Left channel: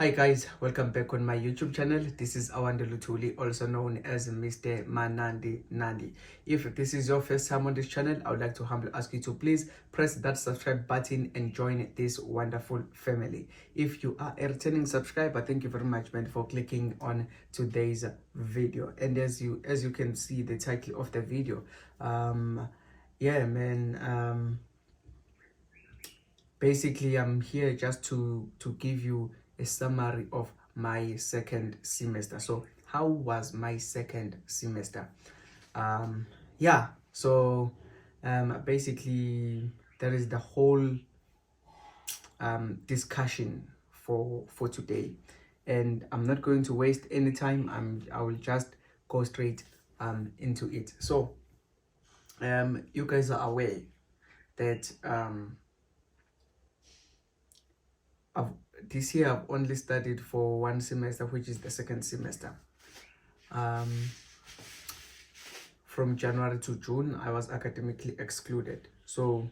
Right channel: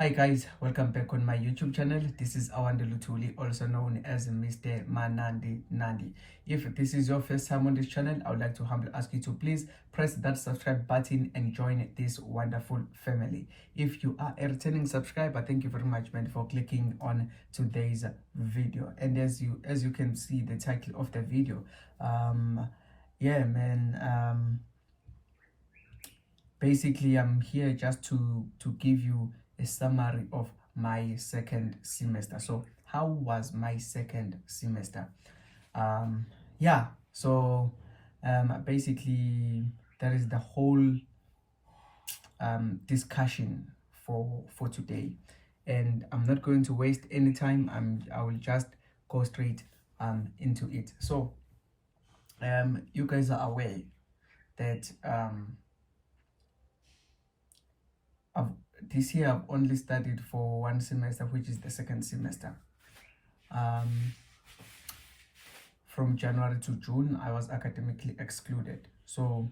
Hi guys, welcome back on my YouTube channel. This is Awande Lutuli, also known as Mr. Manandi Nandi. If this is your first time on this channel, I would like to humbly ask you to please press that subscribe button and join this wonderful family. If you are a returning subscriber, thank you very much, man, for clicking on today's video. And as you can see the title of the video, yeah, man, basically I'm here just to give you a summary of my second semester. So how was my second semester? Yeah, so basically that is the whole discussion for today, and I'm not going to waste any time. I will just go straight into it. So you guys are aware that I've, this year I've only studied for one semester, which is the second semester. From January to June, I was academically excluded. So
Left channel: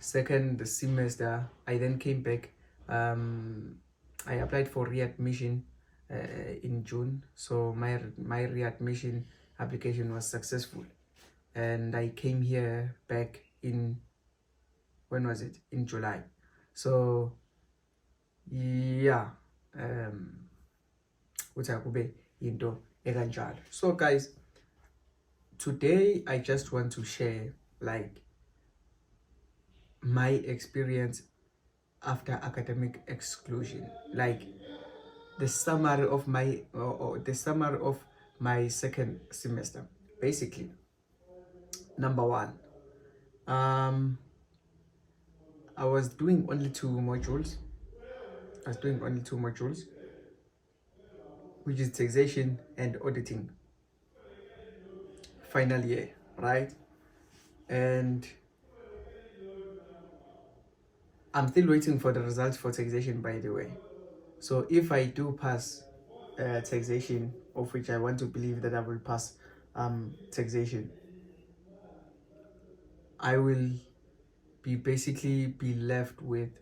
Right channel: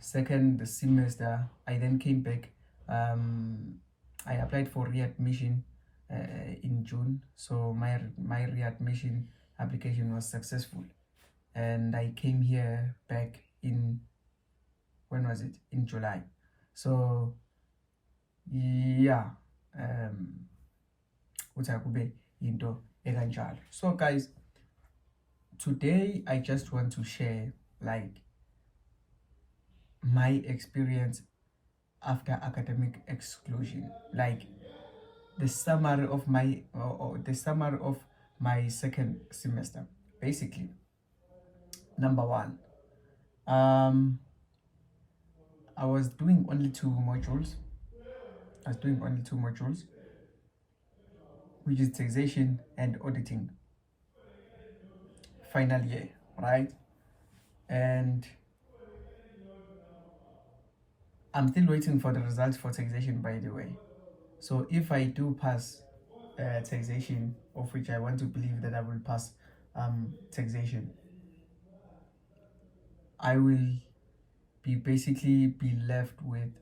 second semester, I then came back. I applied for readmission in June. So my readmission application was successful, and I came here back in, when was it? In July. So yeah, into ekanjalo. So guys, today I just want to share like my experience after academic exclusion, like the summary of my second semester. Basically, number one, I was doing only two modules. Which is taxation and auditing, final year, right? And I'm still waiting for the results for taxation, by the way. So if I do pass taxation, of which I want to believe that I will pass taxation, I will be left with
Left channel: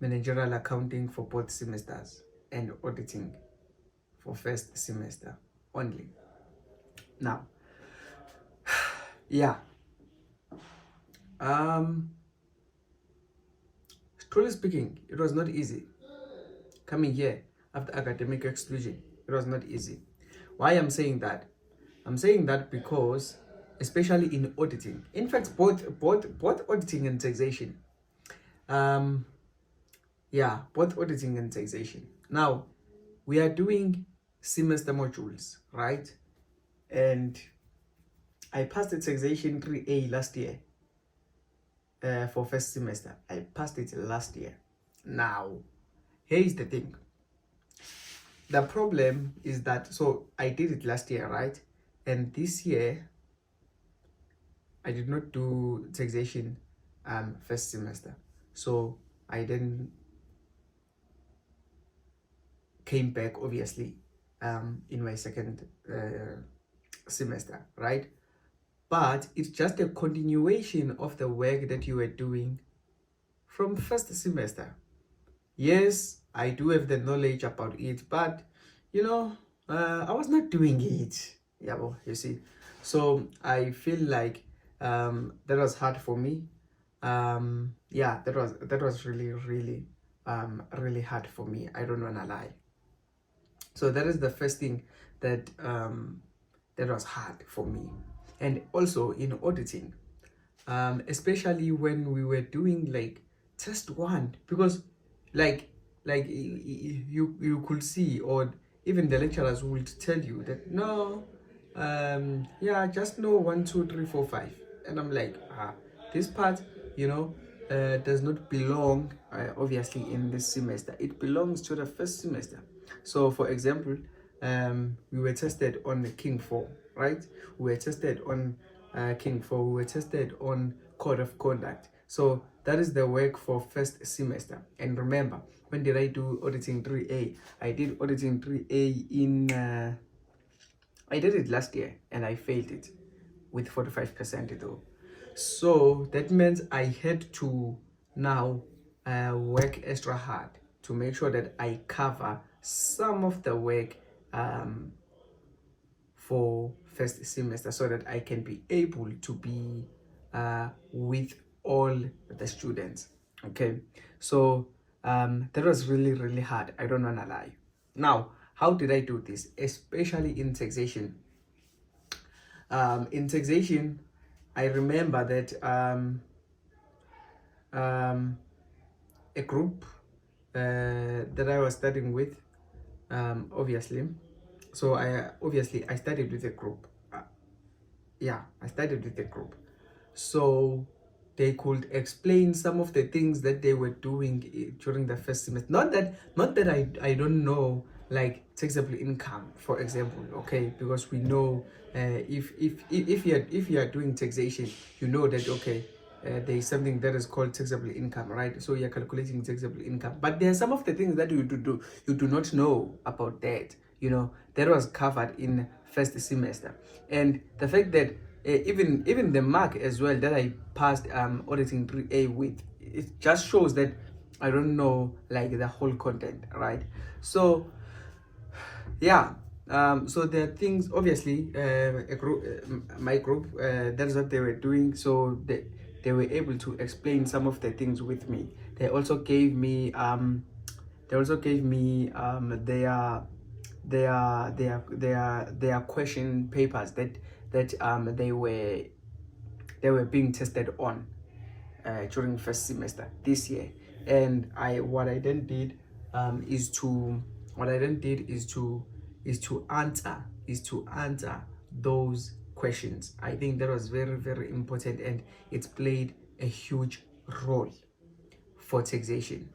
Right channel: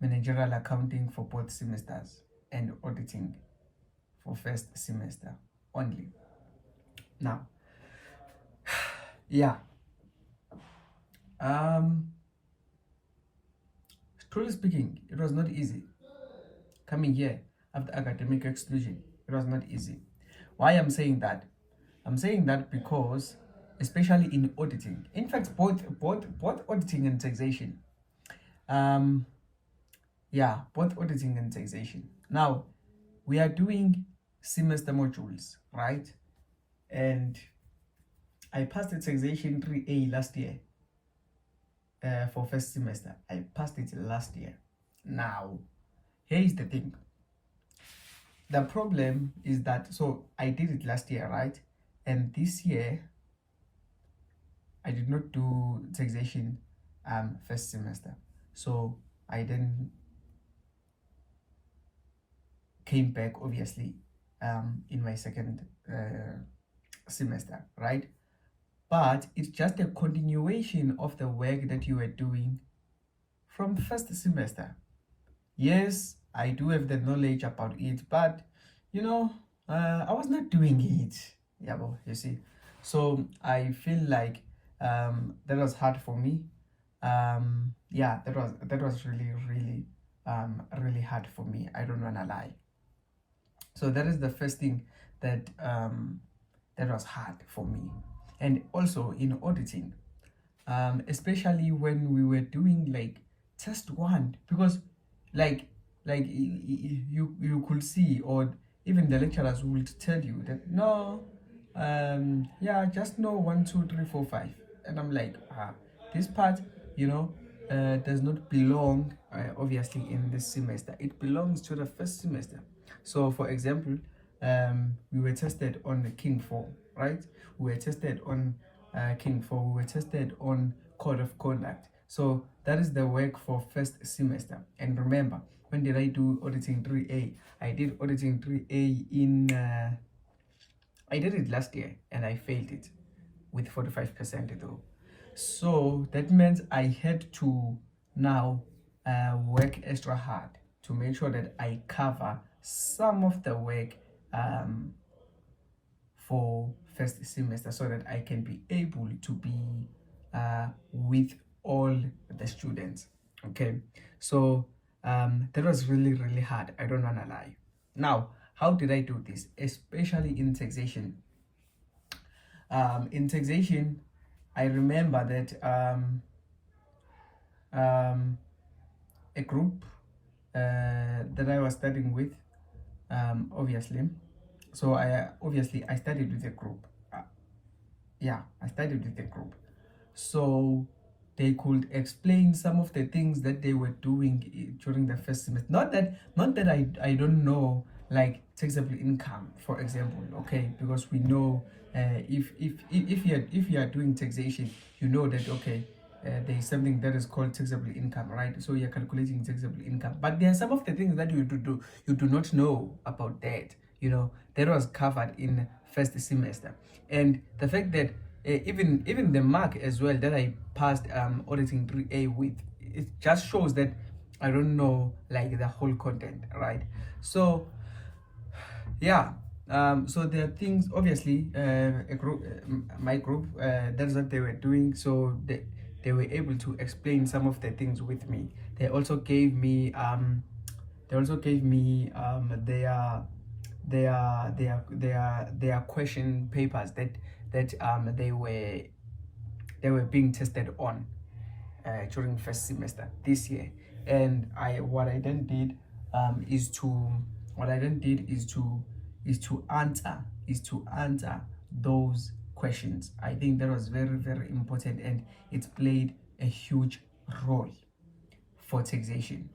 managerial accounting for both semesters and auditing for first semester only. Now, yeah, truly speaking, it was not easy coming here after academic exclusion. It was not easy. Why I'm saying that? I'm saying that because, especially in auditing, in fact, both auditing and taxation, both auditing and taxation. Now, we are doing semester modules, right? And I passed the taxation 3A last year for first semester. I passed it last year. Now, here's the thing. The problem is that, so I did it last year, right? And this year, I did not do taxation first semester. So I then came back, obviously, in my second semester, right? But it's just a continuation of the work that you were doing from first semester. Yes, I do have the knowledge about it, but I was not doing it. Yeah, well, you see. So I feel like that was hard for me. Yeah, that was really really hard for me. I don't wanna lie. So that is the first thing that that was hard for me. And also in auditing, especially when we were doing like test one, because like you could see, or even the lecturers would tell you that no, yeah, just know 1 2 3 4 5, and I'm like, this part, does not belong obviously in this semester. It belongs to the first semester. So for example, we were tested on King 4, right? We were tested on King 4. We were tested on code of conduct. So that is the work for first semester. And remember, when did I do auditing 3A? I did auditing 3A in I did it last year and I failed it with 45% though. So that means I had to now work extra hard to make sure that I cover some of the work for first semester, so that I can be able to be with all the students. Okay, so that was really, really hard. I don't want to lie. Now, how did I do this? Especially in taxation. In taxation, I remember that a group that I was studying with, obviously. So I studied with a group. I studied with a group. So they could explain some of the things that they were doing during the first semester. Not that I don't know, like taxable income, for example. Okay, because we know if you are doing taxation, you know that okay. There is something that is called taxable income, right? So you're calculating taxable income, but there are some of the things that you do not know about that. That was covered in first semester, and the fact that even the mark as well that I passed auditing 3A with, it just shows that I don't know like the whole content, right? So yeah, so there are things, obviously, my group, that's what they were doing. So they were able to explain some of the things with me. They also gave me their question papers that they were being tested on during first semester this year. And what I then did is to what I then did is to answer those questions. I think that was very, very important, and it's played a huge role for taxation.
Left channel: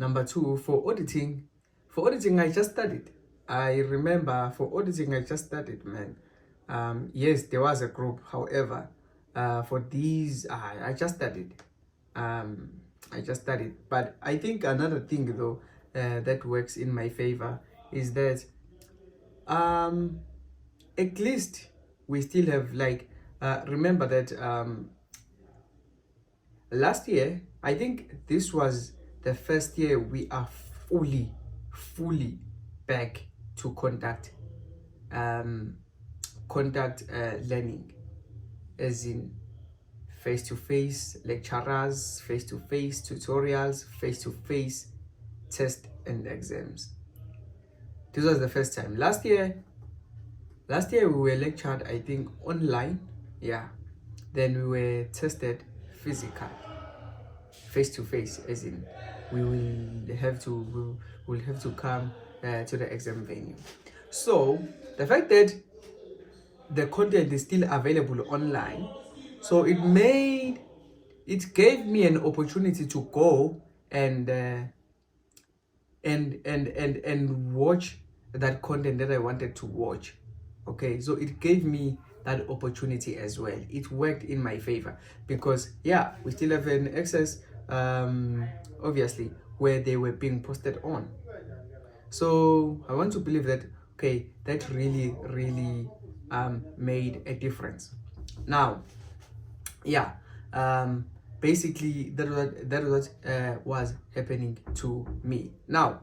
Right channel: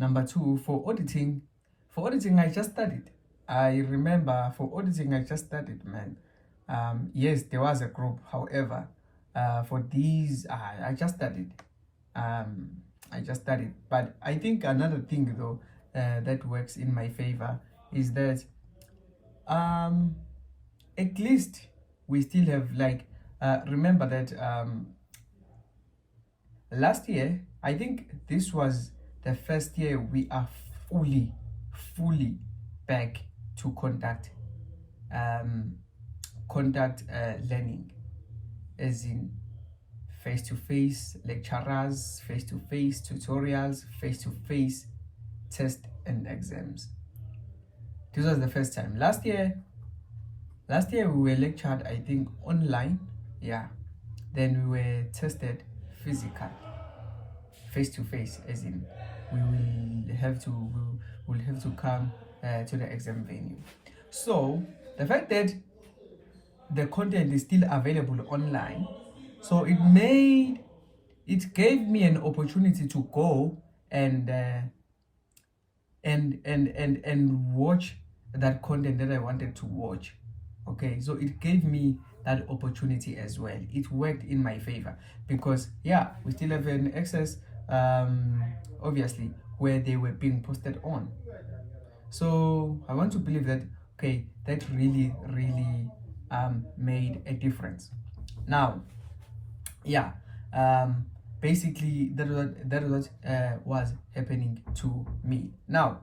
Number two, for auditing I just studied. I remember for auditing I just studied, man. Yes, there was a group. However, for these, I just studied. I just studied. But I think another thing though that works in my favor is that at least we still have like remember that last year, I think this was the first year we are fully back to contact learning, as in face-to-face lecturers, face-to-face tutorials, face-to-face tests and exams. This was the first time. Last year we were lectured, I think, online. Yeah. Then we were tested physical, face-to-face, as in we will have to come to the exam venue. So the fact that the content is still available online, so it gave me an opportunity to go and watch that content that I wanted to watch. Okay, so it gave me that opportunity as well. It worked in my favor because yeah, we still have an access, obviously, where they were being posted on. So I want to believe that okay, that really made a difference. Now, yeah, basically that was happening to me. Now,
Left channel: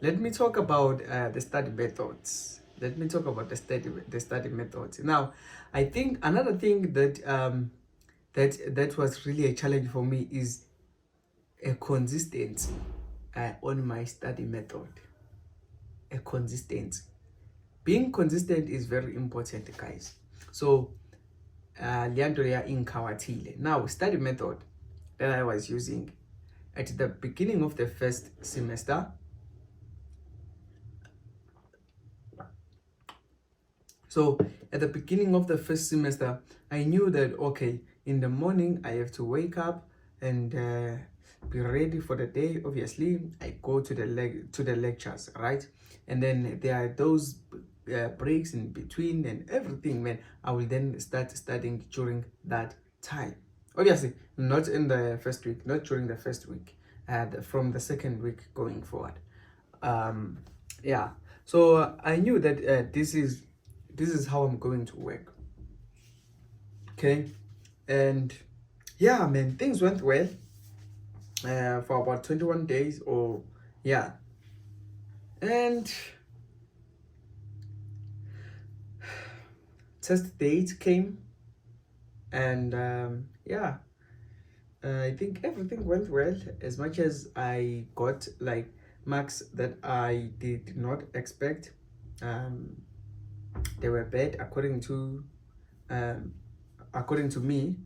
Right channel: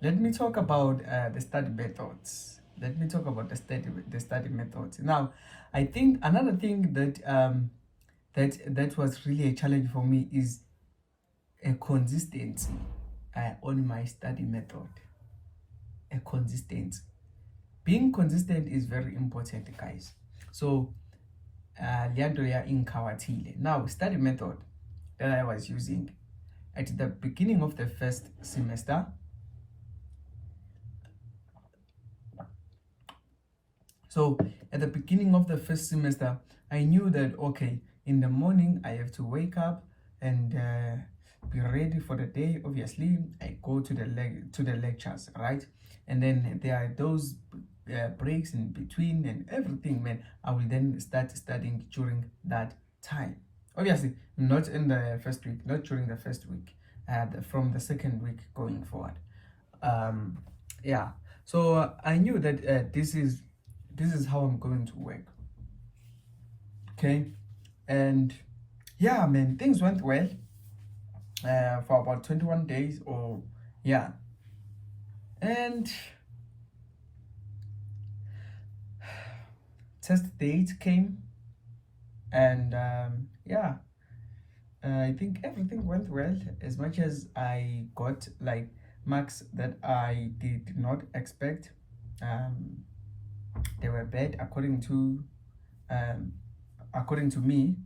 let me talk about the study methods. The study methods. Now, I think another thing that was really a challenge for me is a consistency on my study method. A consistency. Being consistent is very important, guys. So, now, study method that I was using at the beginning of the first semester. So at the beginning of the first semester, I knew that okay, in the morning I have to wake up and be ready for the day. Obviously, I go to the lectures, right? And then there are those breaks in between and everything. Man, I will then start studying during that time. Obviously, not in the first week, not during the first week, from the second week going forward. Yeah. So I knew that this is how I'm going to work. Okay, and yeah, man, things went well for about 21 days, or yeah, and test date came, and yeah, I think everything went well, as much as I got like marks that I did not expect. Um, they were bad um, according to me.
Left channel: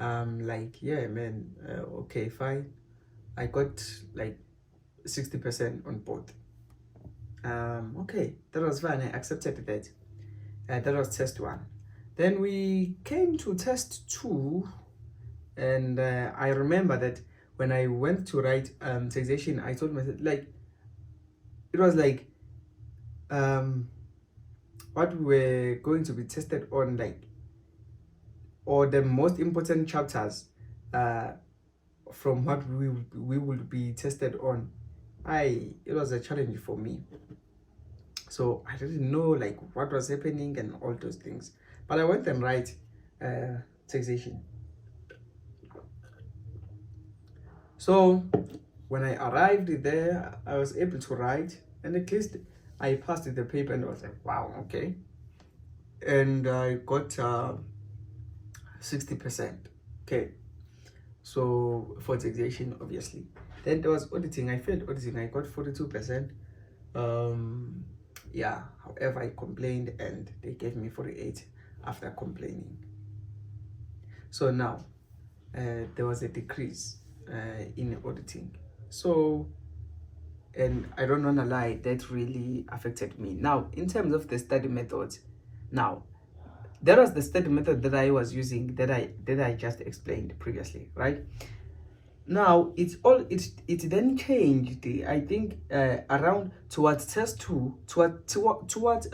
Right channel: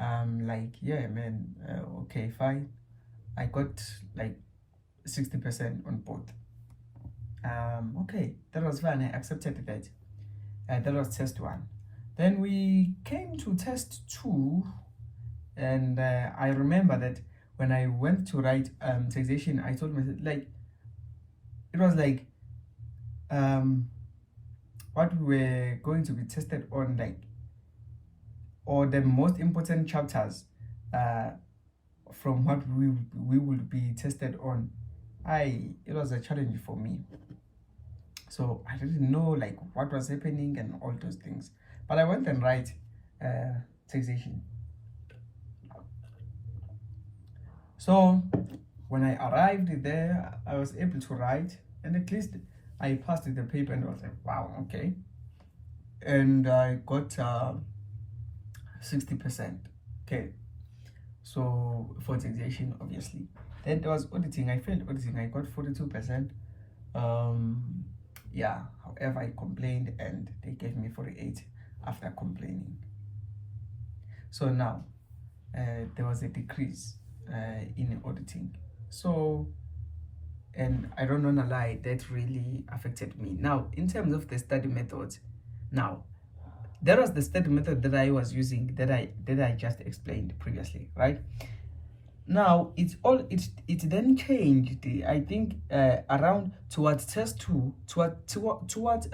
Like, yeah, man, okay, fine. I got like 60% on both. Okay, that was fine. I accepted that. That was test one. Then we came to test two, and I remember that when I went to write taxation, I told myself, like, it was like what we were going to be tested on, like, or the most important chapters uh, from what we would be tested on. It was a challenge for me, so I didn't know like what was happening and all those things, but I went and write taxation. So when I arrived there, I was able to write, and at least I passed the paper, and I was like, wow, okay. And I got 60%. Okay, so for taxation, obviously. Then there was auditing. I failed auditing. I got 42%. Yeah, however, I complained, and they gave me 48 after complaining. So now there was a decrease in auditing. So, and I don't want to lie, that really affected me. Now, in terms of the study methods, now that was the study method that I was using, that I just explained previously, right? Now it then changed. I think around towards test two, towards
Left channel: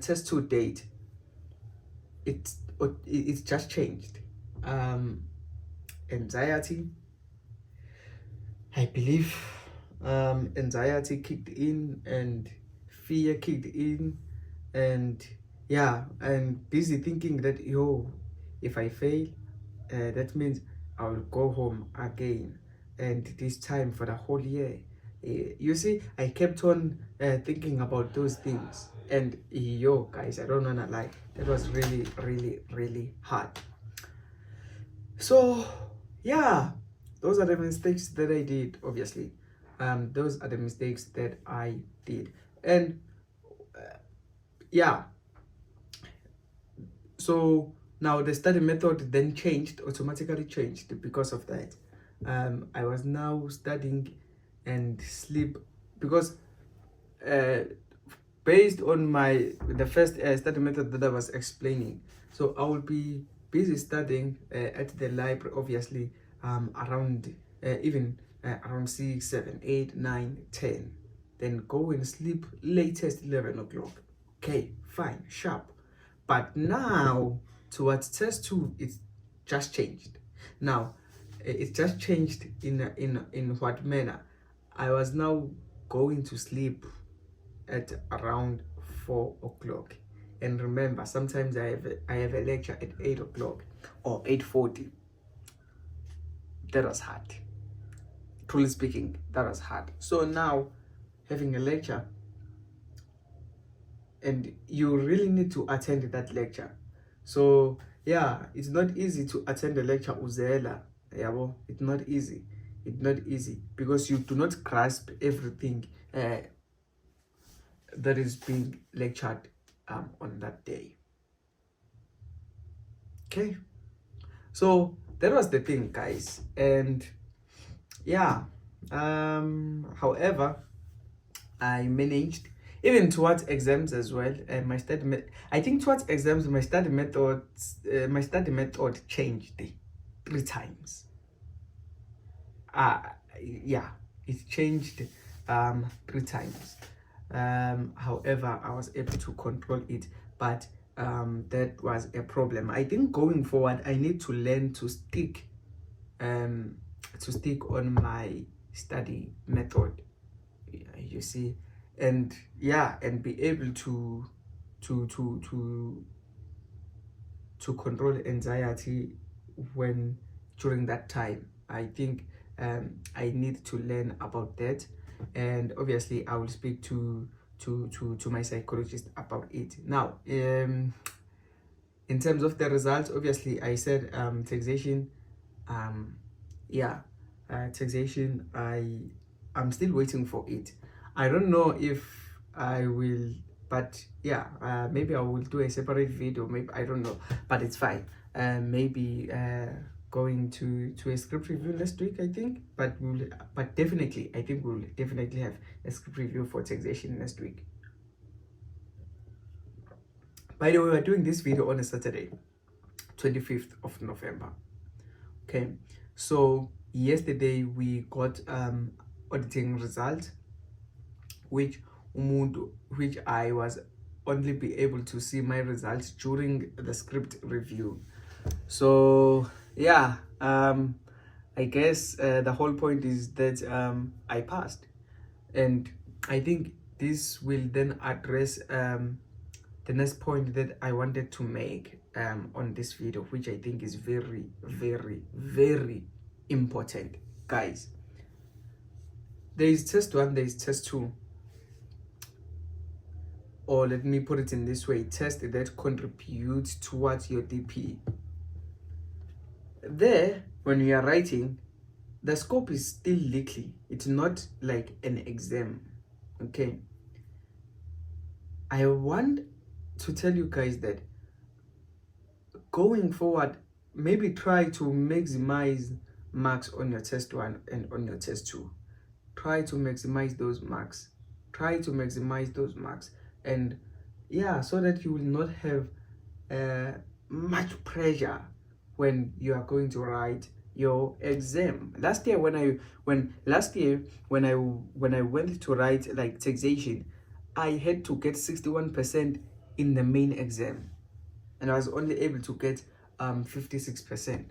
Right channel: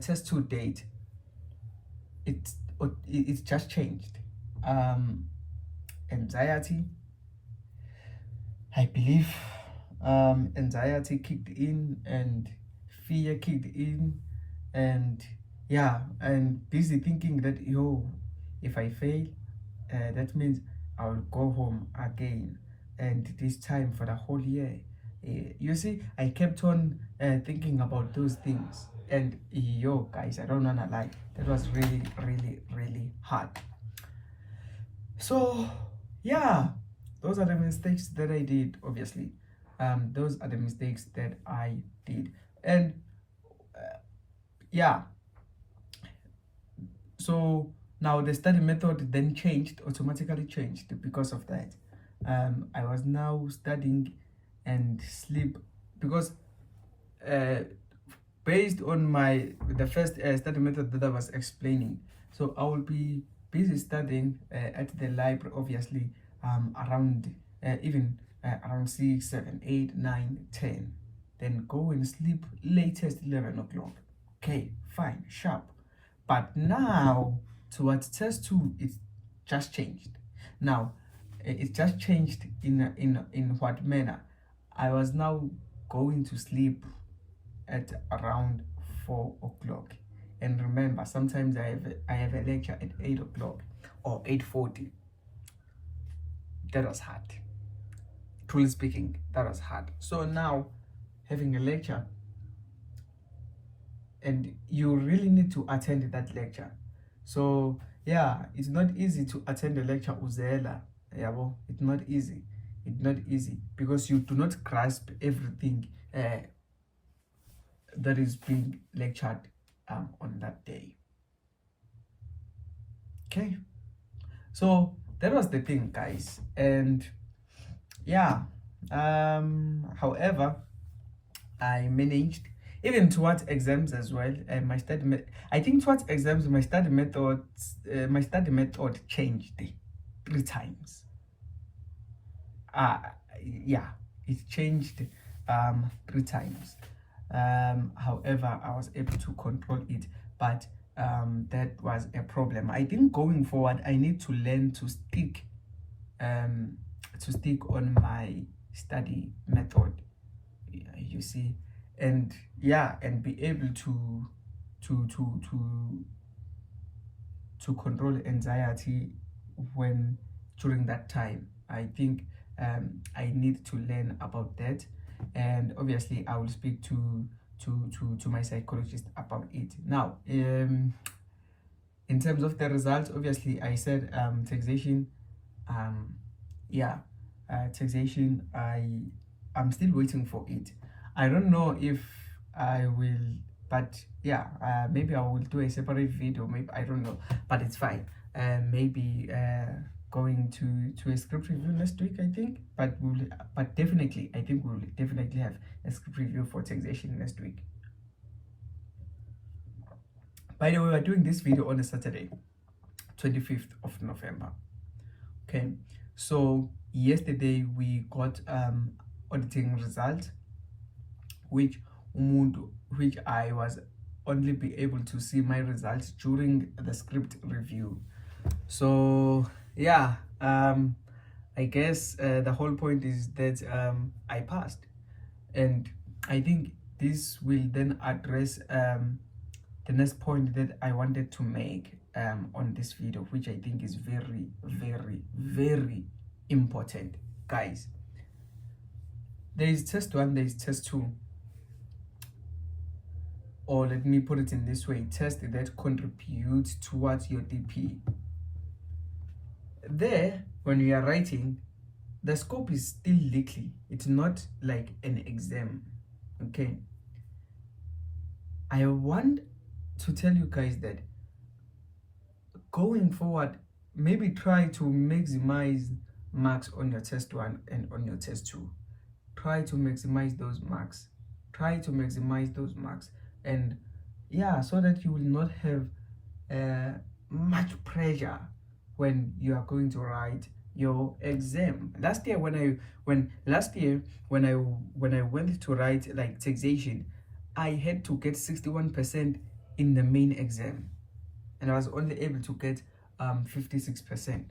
test two date, it just changed. Anxiety, I believe, anxiety kicked in, and fear kicked in, and yeah, and busy thinking that, yo, if I fail, that means I'll go home again, and this time for the whole year. You see, I kept on thinking about those things, and yo, guys, I don't wanna lie, that was really, really, really hard. So yeah, those are the mistakes that I did. Obviously, those are the mistakes that I did, and yeah. So now the study method then automatically changed because of that. I was now studying and sleep, because uh, based on the first study method that I was explaining. So I will be busy studying at the library, obviously, around even around 6, 7, 8, 9, 10. Then go and sleep latest 11 o'clock. Okay, fine, sharp. But now towards test two, it's just changed. Now it just changed in what manner? I was now going to sleep at around 4 o'clock, and remember, sometimes I have a lecture at 8 o'clock or 8:40. That was hard. Truly speaking, that was hard. So now, having a lecture, and you really need to attend that lecture. So yeah, it's not easy to attend a lecture uzela. Yabo, it's not easy. It's not easy because you do not grasp everything that is being lectured on that day. Okay, so that was the thing, guys, and yeah, however, I managed, even towards exams as well, and I think towards exams my study method changed 3 times. Yeah, it changed 3 times. However, I was able to control it, but that was a problem. I think going forward I need to learn to stick on my study method, you see, and yeah, and be able to to control anxiety when during that time. I think I need to learn about that, and obviously I will speak to my psychologist about it. Now, in terms of the results, obviously I said taxation. Um, yeah, taxation. I'm still waiting for it. I don't know if I will, but yeah, maybe I will do a separate video. Maybe I don't know, but it's fine. Maybe going to a script review next week, I think. But definitely, I think we'll definitely have a script review for taxation next week. By the way, we're doing this video on a Saturday, 25th of November. Okay, so yesterday we got auditing results, which I was only be able to see my results during the script review. So yeah, I guess the whole point is that I passed, and I think this will then address the next point that I wanted to make on this video, which I think is very, very, very important, guys. There is test 1, there is test 2, or let me put it in this way, test that contributes towards your DP. There, when you are writing, the scope is still likely. It's not like an exam, okay? I want to tell you guys that going forward, maybe try to maximize marks on your test 1 and on your test 2. Try to maximize those marks. And yeah, so that you will not have much pressure when you are going to write your exam. Last year when I went to write like taxation, I had to get 61% in the main exam, and I was only able to get 56%,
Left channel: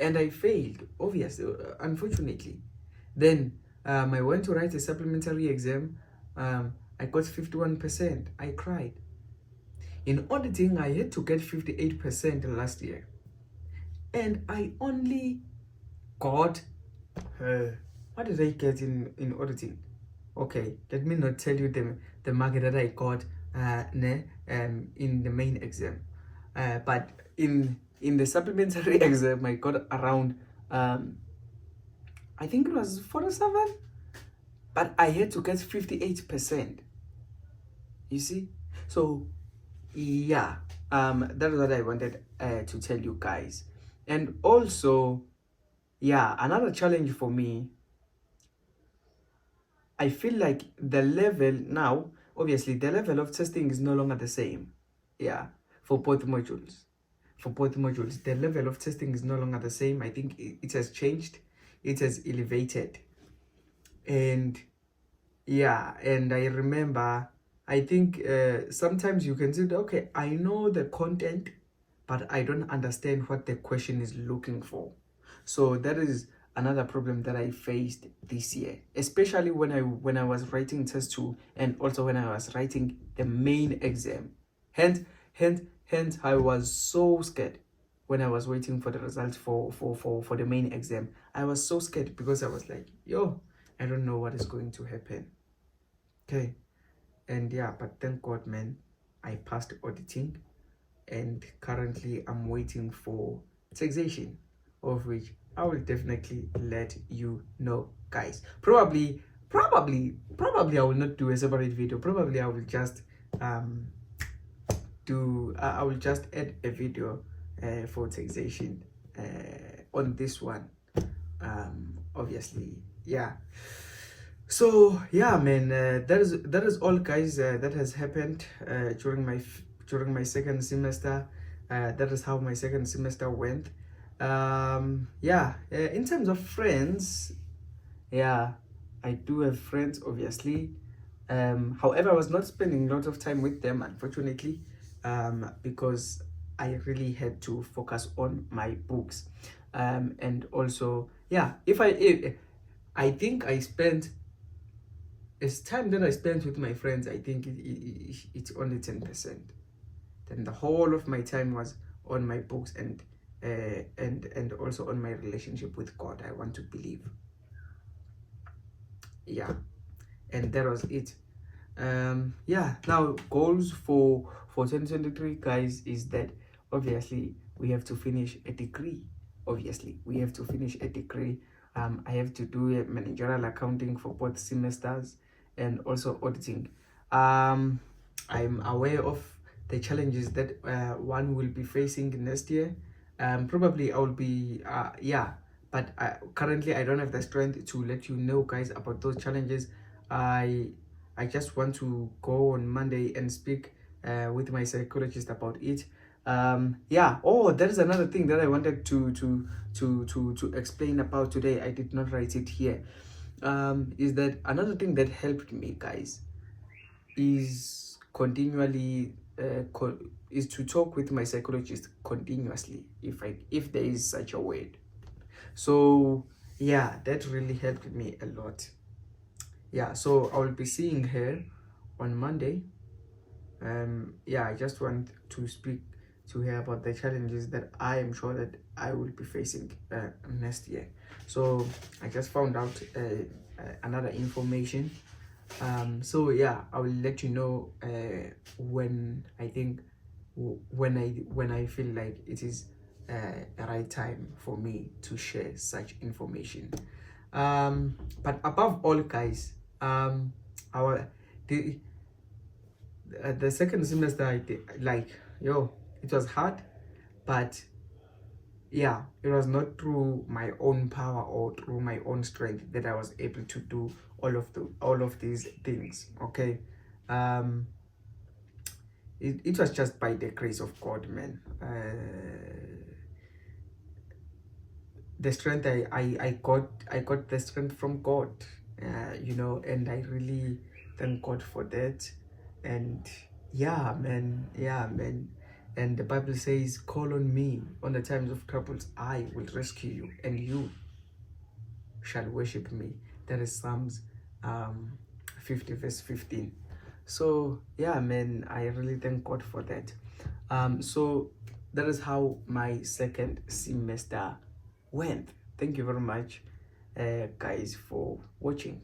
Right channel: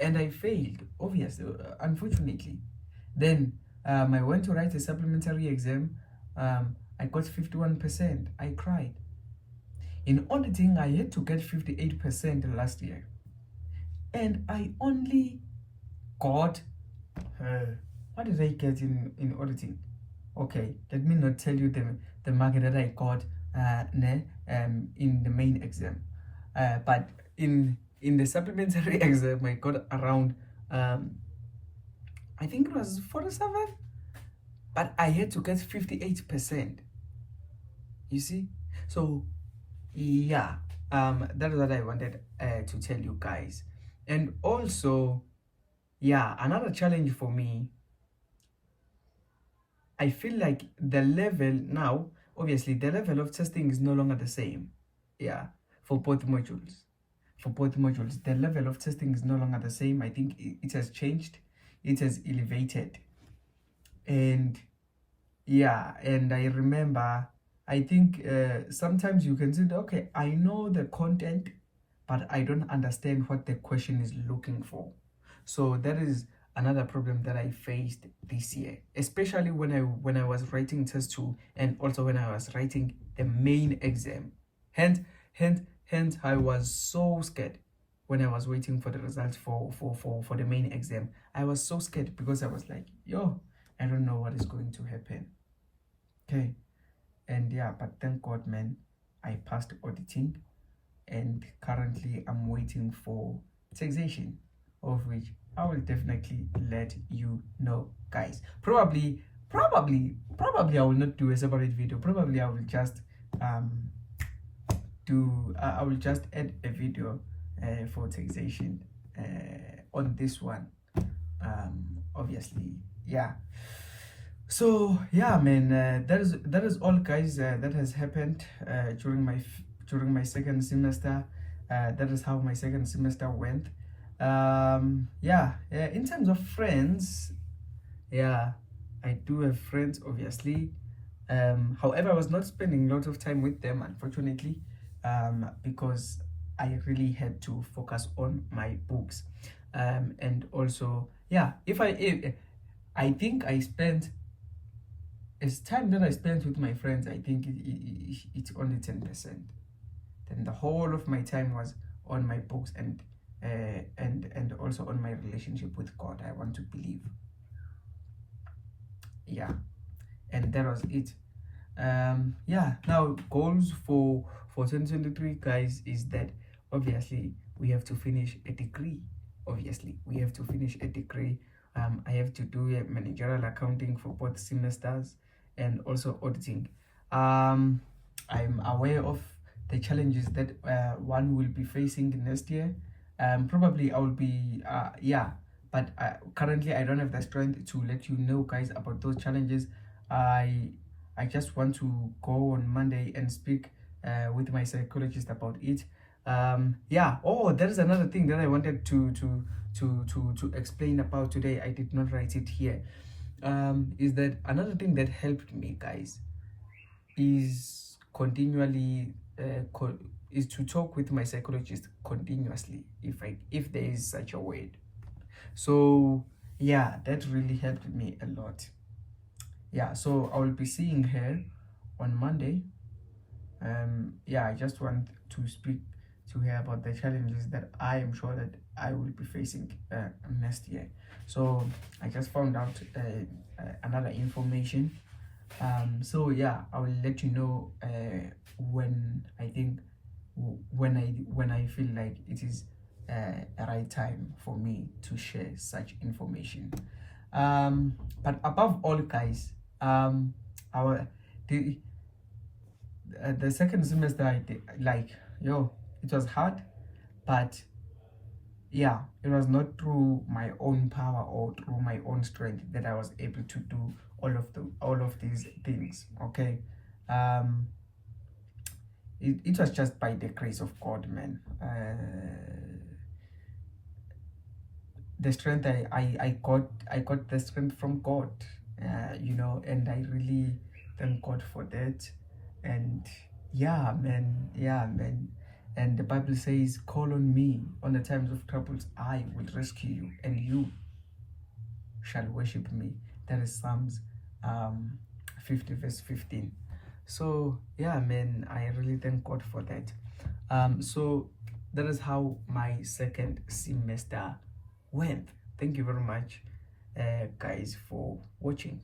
and I failed, obviously, unfortunately. Then I went to write a supplementary exam. I got 51%. I cried. In auditing, I had to get 58% last year, and I only got what did I get in auditing? Okay, let me not tell you the mark that I got in the main exam, but in the supplementary exam I got around I think it was 47, but I had to get 58%. You see? So yeah, that is what I wanted to tell you guys. And also, yeah, another challenge for me, I feel like the level now, obviously the level of testing is no longer the same. Yeah, for both modules. The level of testing is no longer the same. I think it has changed. It has elevated. And yeah, and I remember, I think sometimes you can say, okay, I know the content, but I don't understand what the question is looking for. So that is another problem that I faced this year, especially when I was writing test 2, and also when I was writing the main exam. Hence I was so scared when I was waiting for the results for the main exam. I was so scared because I was like, yo, I don't know what is going to happen. Okay. And yeah, but thank God, man, I passed auditing, and currently I'm waiting for taxation, of which I will definitely let you know, guys. Probably I will not do a separate video. Probably I will just I will just add a video for taxation on this one, obviously. Yeah. So yeah, man, that is all, guys, that has happened during my second semester. That is how my second semester went. Yeah, in terms of friends, yeah, I do have friends, obviously. However, I was not spending a lot of time with them, unfortunately, because I really had to focus on my books. And also, yeah, if I think I spent, as time that I spent with my friends, I think it's only 10%. then the whole of my time was on my books and also on my relationship with God. I want to believe. Yeah, and that was it. Yeah, now goals for 2023, guys, is that obviously we have to finish a degree. Obviously we have to finish a degree. I have to do a managerial accounting for both semesters and also auditing. I'm aware of the challenges that one will be facing next year. Probably I will be yeah, but currently I don't have the strength to let you know, guys, about those challenges. I just want to go on Monday and speak with my psychologist about it. Yeah. Oh, there is another thing that I wanted to explain about today. I did not write it here. Is that another thing that helped me, guys, is continually is to talk with my psychologist continuously, if there is such a word. So yeah, that really helped me a lot. Yeah, so I will be seeing her on Monday. Yeah, I just want to speak to her about the challenges that I am sure that I will be facing next year. So I just found out another information. So yeah, I will let you know when I think when I feel like it is a right time for me to share such information. But above all, guys, our the second semester I did, like, yo, it was hard, but yeah, it was not through my own power or through my own strength that I was able to do all of these things. Okay. um it was just by the grace of God, man. The strength I got the strength from God, you know, and I really thank God for that. And yeah, man, and the Bible says, call on me on the times of troubles, I will rescue you, and you shall worship me. That is Psalms 50 verse 15. So yeah, man, I really thank God for that. So that is how my second semester went. Thank you very much, guys, for watching.